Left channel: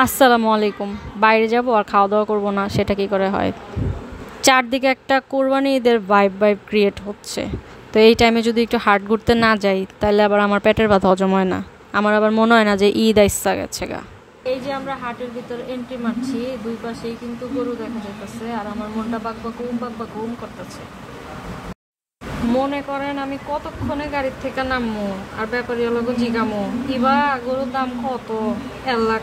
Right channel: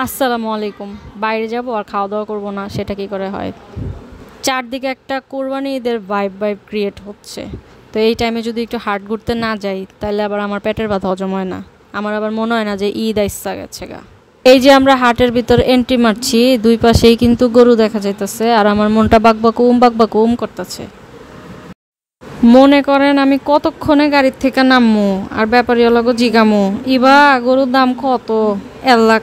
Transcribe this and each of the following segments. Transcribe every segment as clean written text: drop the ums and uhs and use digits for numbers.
আসসালামু আলাইকুম। বাইরে যাব আর খাওয়া দাওয়া করব না, সেটা কি করে হয়? চারদিকে একটা কোরবানি ঈদের ভাইব ক্রিয়েট হচ্ছে। তো এই টাইমে যদি একটু হাট ঘুরতে না যাই, তাহলে আবার আমার পেটের ব্যথা হজম হয় না। আমার আবার মনে হয় না যে ঈদ আইসা গেছে গা। এই যে আমরা হাটের ভিতর এন্ট্রি মারছি, দুই পাশেই কিন্তু গরু দেখা যাইতেছে, আর আমার মনটা বাকবাকুম করতেছে। মনে করেন আমি কতক্ষণে গাড়ির থেকে নামমু আর ব্যাপারী হলো জিগামু, ইবা গরুর দাম কত? 1 লাখ।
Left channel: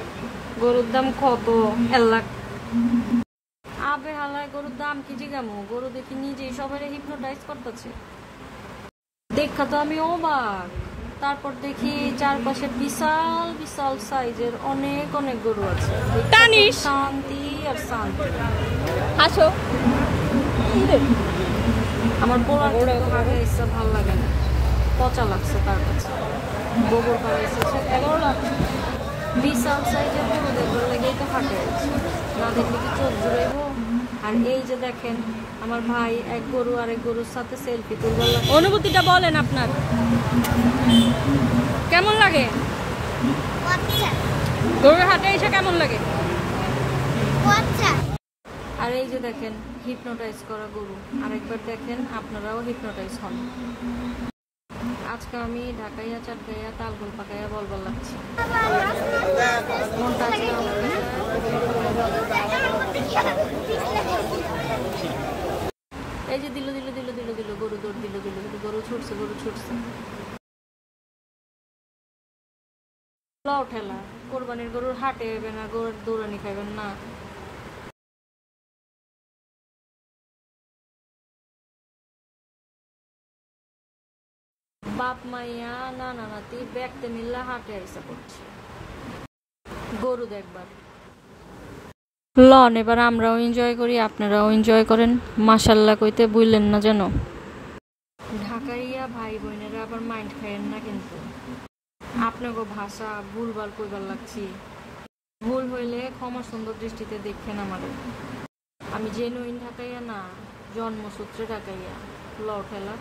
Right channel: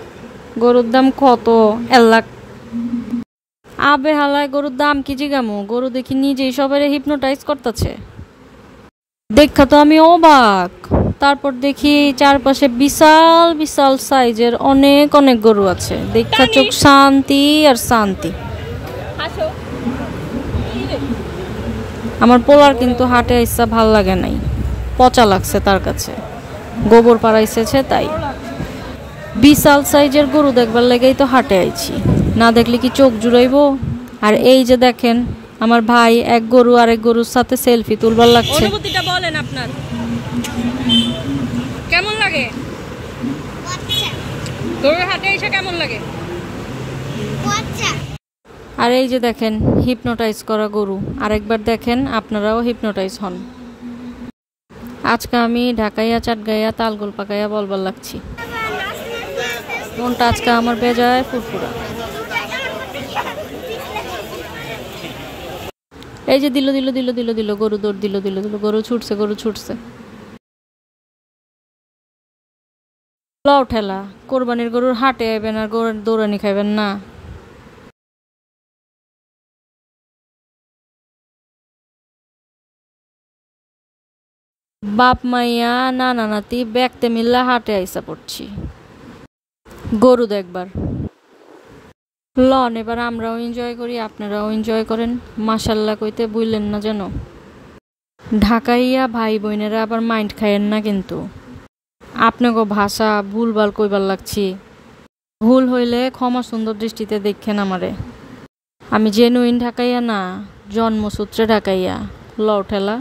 গরুর দাম কত? 1 লাখ। আবে হালায় গরুর দাম কি জিগামু? গরু দেখি নিজেই সবাই হিপনোটাইজ করতেছে। দেখা তো আমি অবাক। তারপর দেখি চারপাশে বিশাল বিশাল সাইজের অনেক অনেক গরু আছে, দেখা চোখ শান্তি আর শান্তি। আমার পোলার কিন্তু হাটে আইসা ভাল লাগে নাই, পচা লাগছে তার কাছে, গোবর পাড়াইছে তাই। বিশাল সাইজের গরু দেখবার লেগেই তো হাটে আইছি, না দেখলে কি চোখ জুড়াইবো? আর এই যে দেখেন আমার ভাই এক গরু আরেক গরুর সাথে সেলফি তুলবার লাগছে। অনুভূতিটা বলেন আপনার, কেমন লাগে গরুর হাটে এসে? কেমন লাগে? আর এই যে দেখেন হিপনোটাইজ করা গরু, আরেকবার দেখেন আপনারাও হিপনোটাইজ হন। আজকে আমি ঢাকাইয়া চাটগাইয়া তালগোল পাকাইয়া বলবার লাগছি, মনটা আজকে আমার বেজায় ফুরফুরা। এই যে দিল দিল দিল দিল দিল গরু দৌড় দিল দিল দিল, গরু ছুটছে। লও ঠেলা, কোরবানির গরুর হাটে আইবেন আর গরুর দৌড়ানি খাইবেন না। বাপ মাইয়া নানা নাতি ব্যাগতে মিল্লা হাটে আইসা পড়ছি গরু দেখবার। লন এবার আমরাও এনজয় করি, আপনারাও এনজয় করেন। মাশাল্লাহ কইতে বুঝলেন না যেন। ঢাকাইয়া ভাই বোনেরা আবার মাইন্ড খাইয়েন না কিন্তু, আপনাকে ভাষা ভুলভাল কইবার লাগছি। ভুল হইলে ক্ষমা সুন্দর দৃষ্টিতে দেখেন আমারে। আমি জেনুইন ঢাকাইয়া না, জন্মসূত্রে ঢাকাইয়া। লও ঠেলা।